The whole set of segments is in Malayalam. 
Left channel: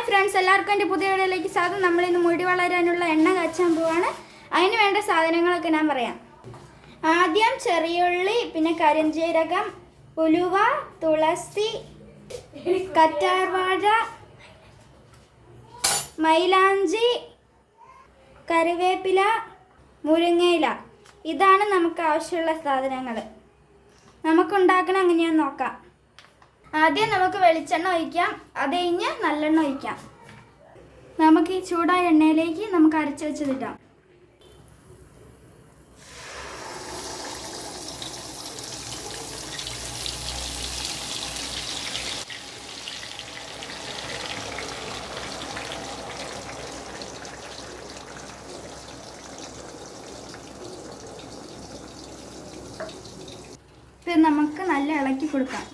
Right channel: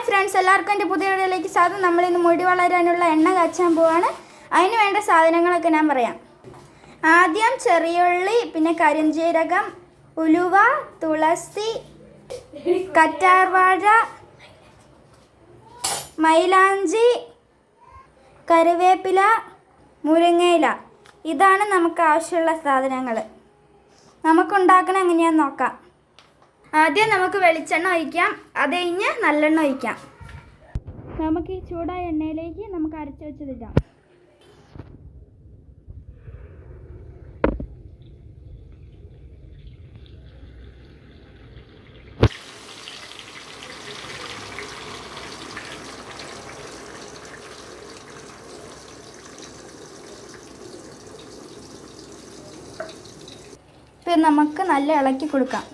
ഹായ് ഫ്രണ്ട്സ്, എല്ലാവർക്കും എൻ്റെ പുതിയ വീഡിയോയിലേക്ക് സ്വാഗതം. നമ്മളിന്ന് മുടി വളരാനുള്ള എണ്ണ കാച്ചാൻ പോവാണ്. അതിന് വേണ്ട സാധനങ്ങളൊക്കെ ഞാൻ പറയാം. ആദ്യം ചെറിയുള്ളി, പിന്നെ കരിഞ്ജീരകം, ഉലുവ, തുളസി, കറ്റാർവാഴ, മൈലാഞ്ചി, കറിവേപ്പില, മുരിങ്ങയില. ഇതാണ് നമുക്ക് ആവശ്യമുള്ള സാധനങ്ങൾ. നമുക്കുണ്ടാക്കണം എങ്ങനെയാണെന്ന് നോക്കാം. ആദ്യം നമുക്ക് വെളിച്ചെണ്ണ ഒഴിക്കാം, അത് കഴിഞ്ഞ് നല്ലെണ്ണ ഒഴിക്കാം. നമുക്ക് ഈ ചൂടായ എണ്ണയിലേക്ക് നമുക്ക് അരച്ച് വെച്ചതിടാം. ഇത് നമുക്ക് നല്ല ഇളക്കി കൊടുക്കാം.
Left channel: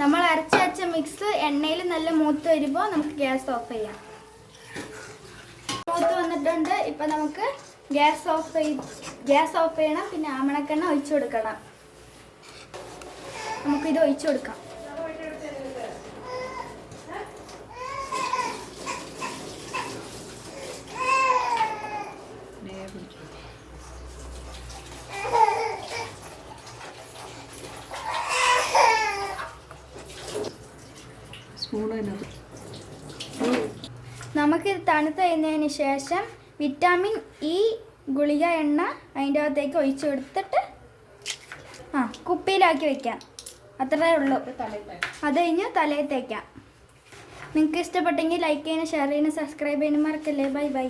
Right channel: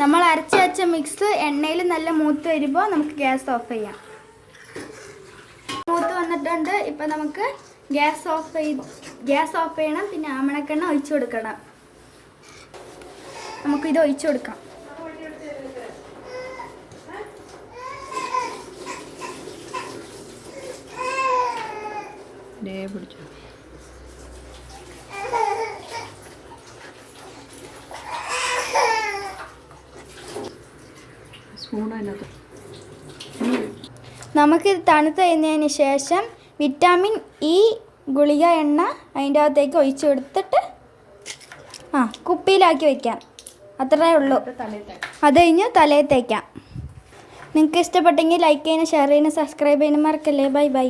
നമ്മൾ അരച്ച് വെച്ച മിക്സ് എണ്ണയിൽ നല്ല മൂത്ത് വരുമ്പോൾ നമുക്ക് ഗ്യാസ് ഓഫ് ചെയ്യാം. മൂത്ത് വന്നിട്ടുണ്ട്. ഇപ്പം നമുക്ക് ഗ്യാസ് ഓഫ് ചെയ്യണം. പിന്നെ ആമണക്കെണ്ണ ഒഴിച്ചു കൊടുക്കണം. നമുക്കിത് ഒഴിച്ചു കൊടുക്കാം. നമുക്കിത് തണുത്ത് കഴിഞ്ഞതിന് ശേഷം വിറ്റാമിൻ ഇ ഗുളിക എണ്ണ അതിൻ്റെ അകത്തേക്ക് ഒഴിച്ചു കൊടുത്തിട്ട് കുപ്പിയിലാക്കി വയ്ക്കാം. അത്രേ ഉള്ളൂ. അത് കഴിഞ്ഞ് തലയിൽ തേക്കാം. നിങ്ങൾക്ക് ഇഷ്ടപ്പെട്ടെങ്കിൽ ലൈക്ക് ചെയ്യാനും ഷെയർ ചെയ്യാനും സബ്സ്ക്രൈബ് ചെയ്യാനും മറക്കല്ലേ. Bye bye.